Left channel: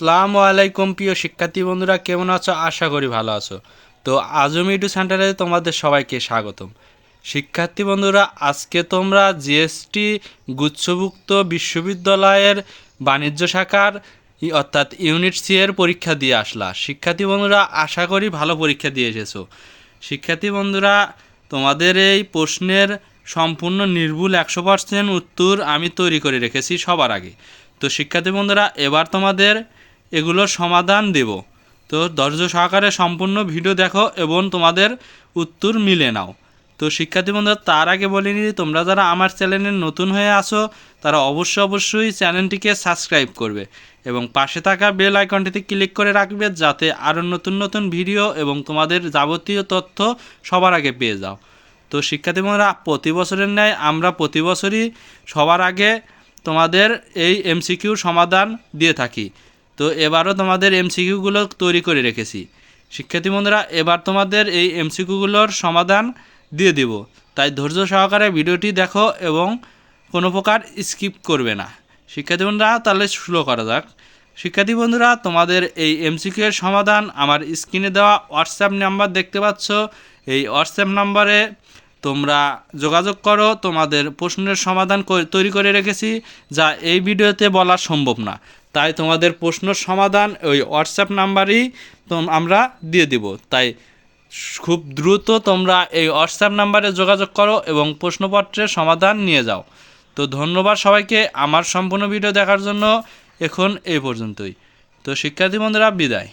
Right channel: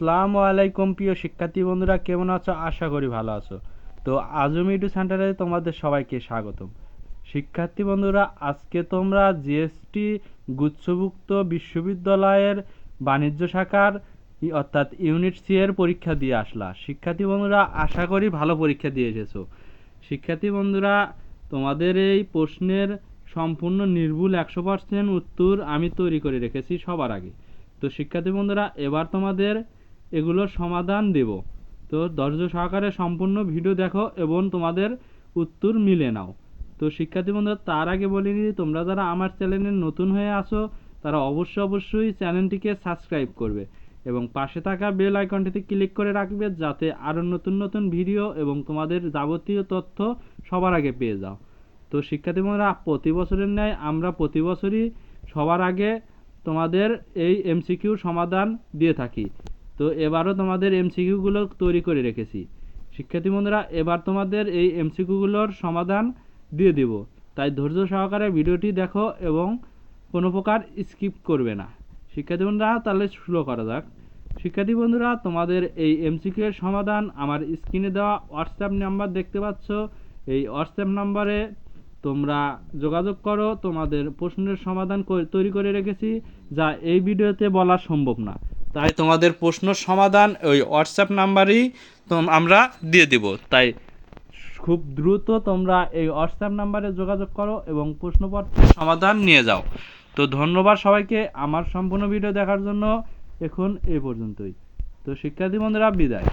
আসসালামু আলাইকুম প্রিয় শিক্ষার্থী বন্ধুরা, কেমন আছো? আশা করি ভালো আছো। তো আজম ইউটিউব সেন্টারে তোমাদের সবাইকে স্বাগতম। শিক্ষার্থী বন্ধুরা, আজকে তোমরা জিএসটি গুচ্ছভুক্ত বিশ্ববিদ্যালয়ের বাণিজ্য শাখার অর্থাৎ ইউনিট সি এর পরীক্ষা দিয়ে আসলা। শিক্ষার্থী বন্ধুরা, আশা করি ভালো পরীক্ষা দিয়ে এসেছো। শিক্ষার্থী বন্ধুরা, তোমাদের এই প্রশ্নের সম্পূর্ণ নির্ভুল 100% উত্তর আমি তৈরি করে রেখেছি সবার আগে। তো শিক্ষার্থী বন্ধুরা, এবার তোমাদের এগুলোর সমাধান দেব। তো ধৈর্য সহকারে সম্পূর্ণ ভিডিও দেখো এবং তোমাদের উত্তর মিলে নাও। তো শিক্ষার্থী বন্ধুরা, তার আগে বলিনি, তোমরা যারা আমার চ্যানেলে নতুন হয়ে আসো তারা অবশ্যই চ্যানেলটিকে সাবস্ক্রাইব করবে এবং পাশে থাকা বেল আইকনটিতে ক্লিক করে রাখবে, যাতে আরও নতুন নতুন ভিডিও এবং তোমাদের যাবতীয় তথ্য সবার আগে পেয়ে যাও। তো শিক্ষার্থী বন্ধুরা, প্রতি বছরের ন্যায় আমরা প্রতি বছরই সবার আগে তোমাদের এই এমসিকিউর সমাধান দিয়ে থাকি। তো এবারও তোমাদের এমসিকিউগুলো তৈরি করে রেখেছি। শিক্ষার্থী বন্ধুরা, এবার তোমাদের এই এমসিকিউগুলোর সমাধান দিয়ে দেব, তাই ধৈর্য সহকারে ভিডিওটি দেখো এবং কোনো প্রকার স্কিপ করবে না। শিক্ষার্থী বন্ধুরা, তাহলে শুরু করা যাক। শিক্ষার্থী বন্ধুরা, তোমাদের এই এমসিকিউ এর সমাধান আমার স্ক্রিনে দেওয়া হোয়াটসঅ্যাপ নাম্বার দেখতে পাচ্ছ, এই হোয়াটসঅ্যাপ নাম্বারে তোমরা যোগাযোগ করো। তোমাদের প্রশ্নের সমাধান তৈরি করে রেখেছি, যা এই ভিডিওতে বলা সম্ভব না, তাই তোমাদের প্রশ্নের সমাধান ওই হোয়াটসঅ্যাপ নাম্বারেই আমরা দিয়ে দেব। তাই খুব দ্রুত তোমরা এই হোয়াটসঅ্যাপ নাম্বারে যোগাযোগ করো এবং প্রশ্নপত্রের সমাধান নিয়ে যাও। তো ধন্যবাদ সবাইকে আমার সম্পূর্ণ ভিডিও দেখার জন্য। এখন এই পর্যন্তই। তো শিক্ষার্থী বন্ধুরা, বিদায়।